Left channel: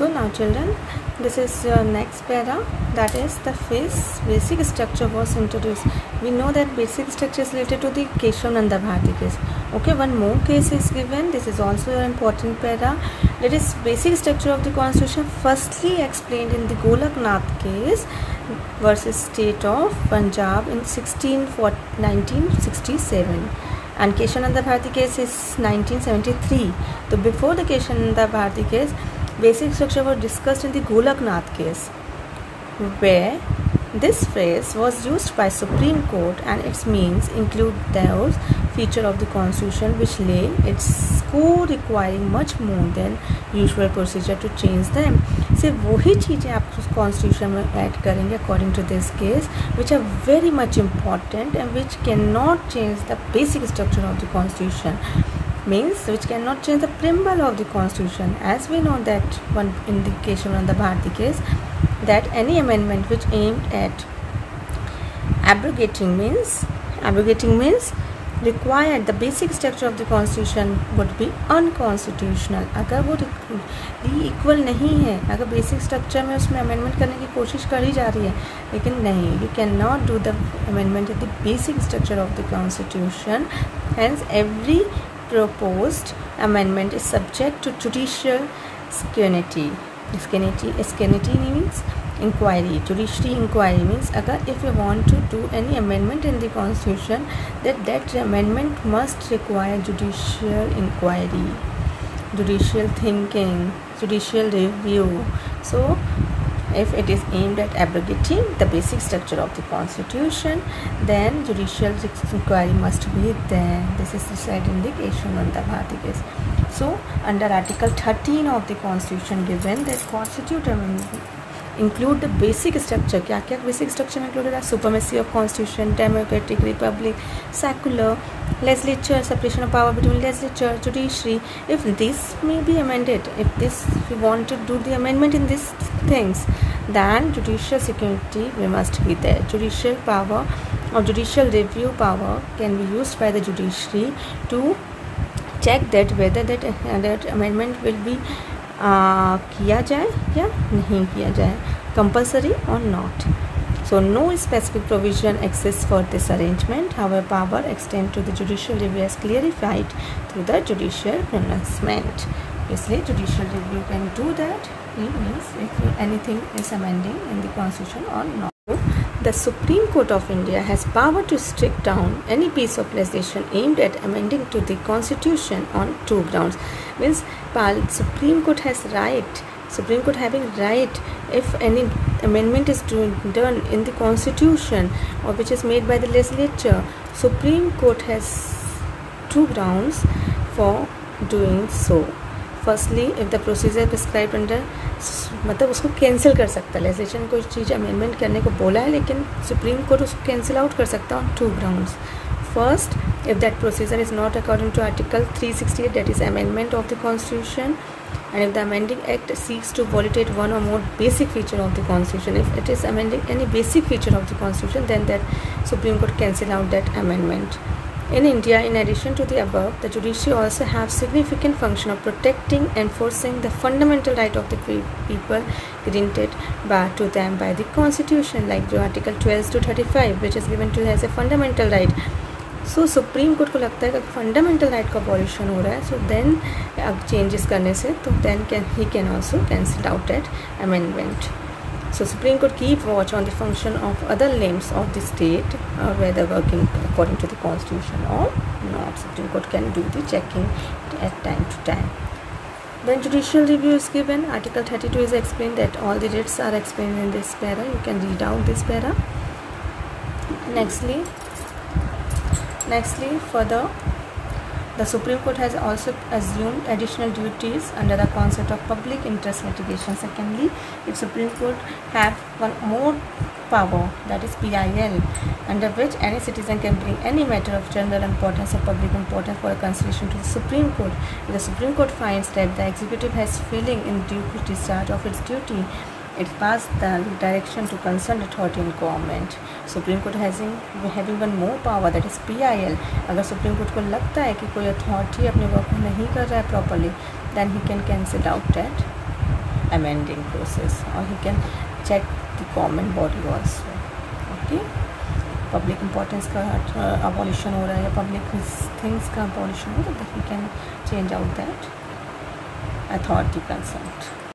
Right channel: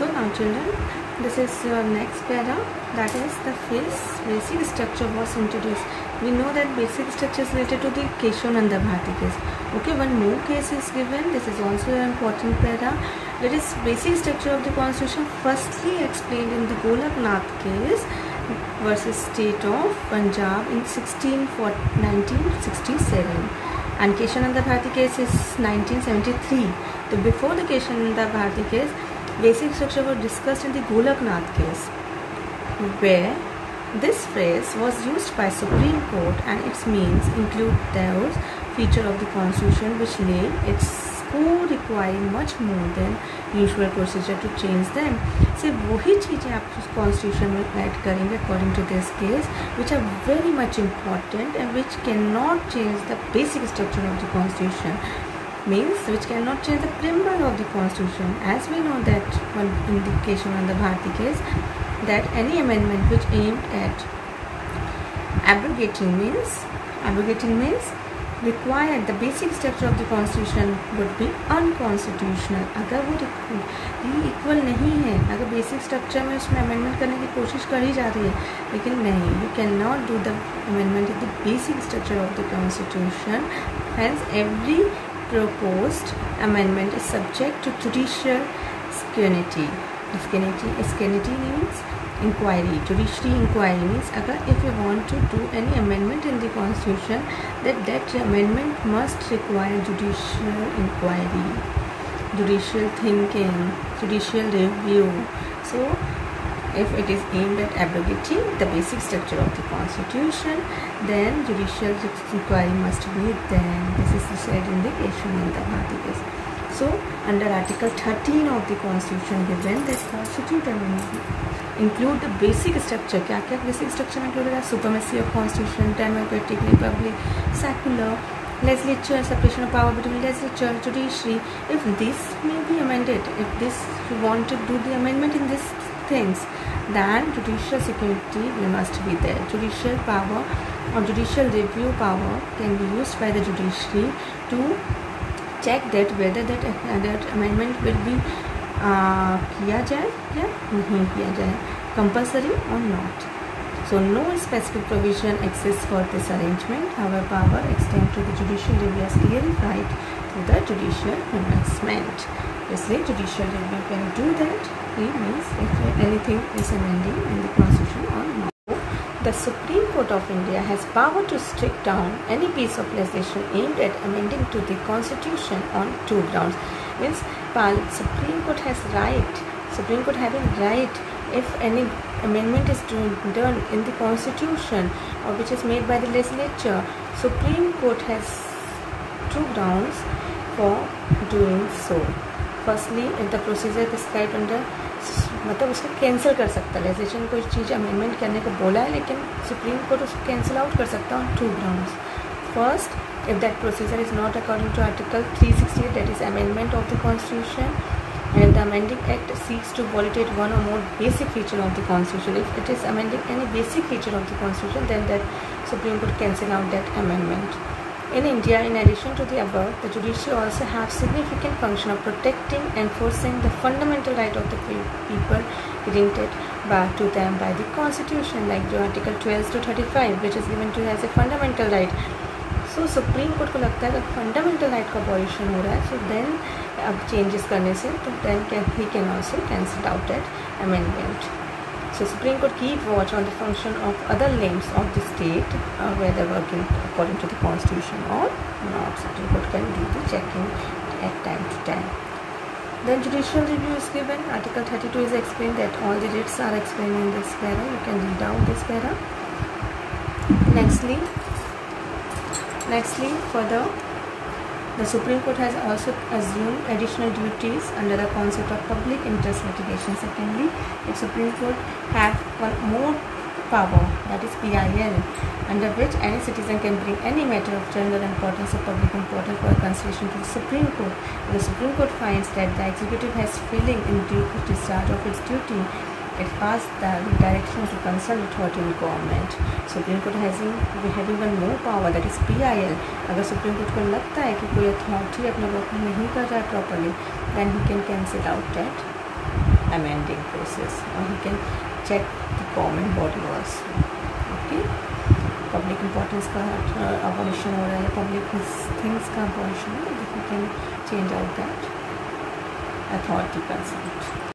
So now children, this is your next para, that is the basic structure was introduced. We know that basic structure is related to the Keshavananda Bharati case. Okay, one more case is given. This is also an important para. That is basic structure of the constitution firstly explained in the Golaknath case versus state of Punjab in 1967. And Keshavananda Bharati case is 1973. So before the Keshavananda Bharati case, basic structure was discussed in the Golaknath case, where this phrase was used by Supreme Court and its means include those features of the constitution which lay its core requiring much more than usual procedure to change them. से वही चीज़ें आप constitution में add करेंगे according to this case, which are very much important and which cannot change the basic structure of the constitution. Means which cannot change the preamble of the constitution, as we know that one indication on the Bharati case, that any amendment which aimed at abrogating means required the basic structure of the constitution would be unconstitutional. अगर वो equal नहीं है, अगर basic structure में उसमें amendment करने की कोशिश करी जा रही है, लेकिन नहीं, you cannot do the amendment of the basic structure of the constitution. Hence every proposed amendment is subject to judicial scrutiny. Scrutiny means inquiry. Judiciary inquiry means if you want to do any amendment in the constitution, that amendment must require judicial inquiry, judicial thinking, judicial review. So if it is aimed at abrogating the basic structure of the constitution, then judicial inquiry must be there. This is the said indication in the Bharati case. So under Article 13 of the constitution given that constitute amendment include the basic structure. क्या क्या basic structure included है? Supremacy of constitution, democratic republic, secular, legislature, separation of power between legislature, judiciary. If this may be amended, if you want to do the amendment in these things, then judicial security must be there. Judicial power or judicial review power can be used by the judiciary to check that whether that amendment will be किया जाए या नहीं किया जाए, compulsory or not. So no specific provision exists for this arrangement. However, power extend to the judicial review as clarified through the judicial pronouncement. इसलिए judicial review can do that. It means if anything is amending in the constitution or not. The Supreme Court of India has power to strike down any piece of legislation aimed at amending to the constitution on two grounds. Means Supreme Court has right. Supreme Court having right if any amendment is done in the constitution or which is made by the legislature. Supreme Court has two grounds for doing so. Firstly, if the procedure prescribed under, मतलब उसको cancel कर सकता है. Legislation कोई चीज़ amendment करने को बोला है लेकिन सुप्रीम कोर्ट उसको कैंसिल आउट कर सकता है on two grounds. First, if that procedure is not according to Article 368, that is amendment of the Constitution, and if the amending act seeks to violate one or more basic feature of the Constitution, if it is amending any basic feature of the Constitution, then that Supreme Court cancel out that amendment. In India, in addition to the above, the judiciary also have significant function of protecting and enforcing the fundamental right of the people granted to them by the Constitution, like the Article 12 to 35, which is given to as a fundamental right. So supreme court को लगता है कि fundamental right का violation हो रहा है, so then अब changes करने से तो then he can also cancel out that amendment. So Supreme Court keep watch on the function of other limbs of the state, whether working according to the constitution or not. Supreme Court can do the checking at time to time. Then judicial review is given. Article 32 is explained that all the writs are explained in this para. You can read out this para. Nextly, further, the Supreme Court has also assumed additional duties under the concept of public interest litigation. Secondly, if Supreme Court have one more power, that is PIL, under which any citizen can bring any matter of general importance or public importance for consideration to the Supreme Court. If the Supreme Court finds that the executive has failing in due discharge of its duty, it passed the direction to concerned authority in government. Supreme Court having one more power, that is PIL. अगर Supreme Court को लगता है कि कोई authority अपने work नहीं कर रहा है properly, then he can cancel out that amending process, or he can check the common body also. Okay, public importance का abolition हो रहा है, public things का abolition, तो he can change out that authority consent.